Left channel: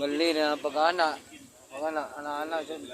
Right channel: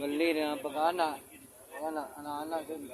Bali na ang pag-ana. Pag-ana, ana-ana dyan.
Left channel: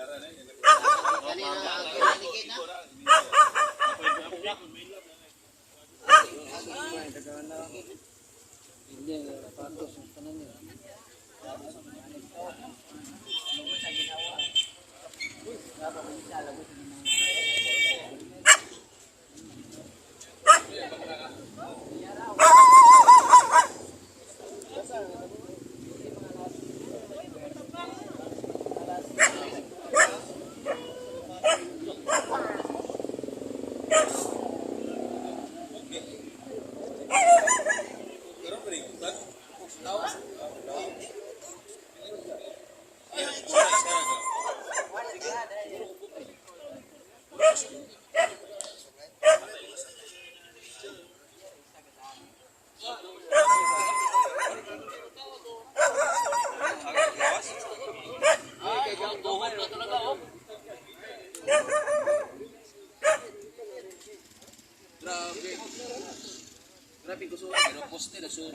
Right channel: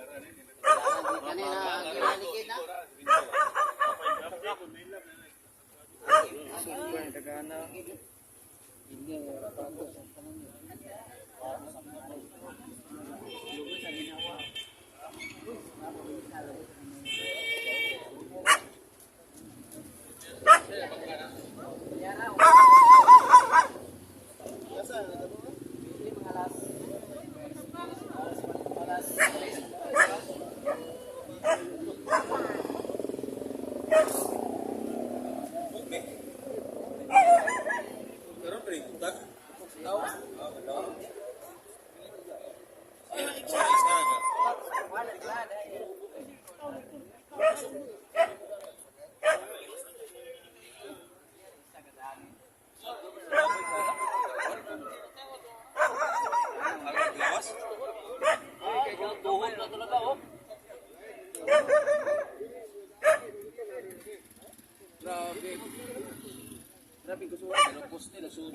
Grabe ko suwa, pero poste na suwa.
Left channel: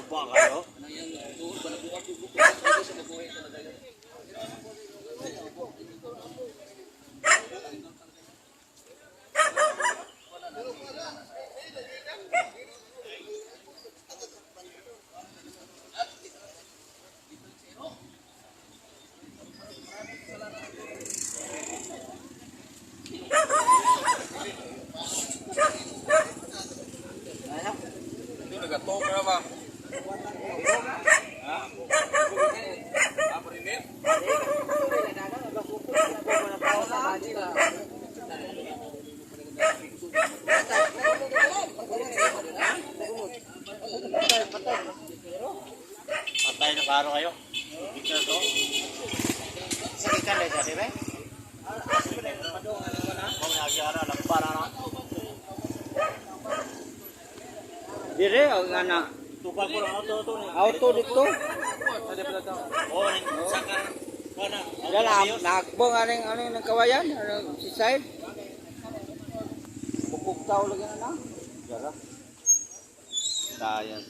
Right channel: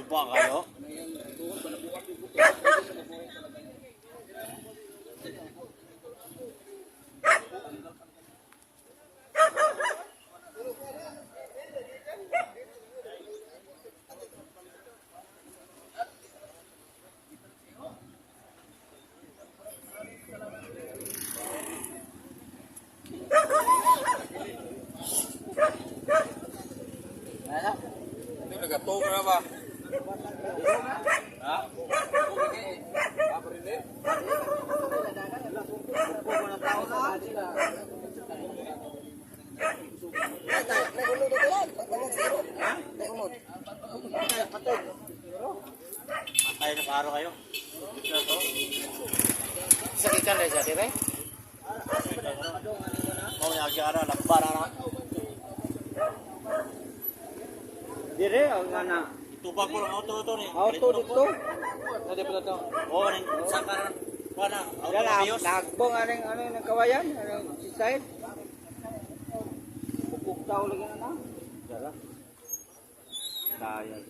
Bubuang kayo? Mayang tuhod, balabuak yung buko. Hindi siya mabuhay talaga yun. Nagato ka ba? Ha? Aprinit? Patay na karo kayo? Sa ikan na siya, kire? Mau nagya na, lagbara na. Dire ang ana. Tubag ko lang auto ni. Auto dito. Sa dito to. Oh, saka pana. Auto nagbong aning ng kawayan, si side. Buktaw lagi na. Dara. Dayan.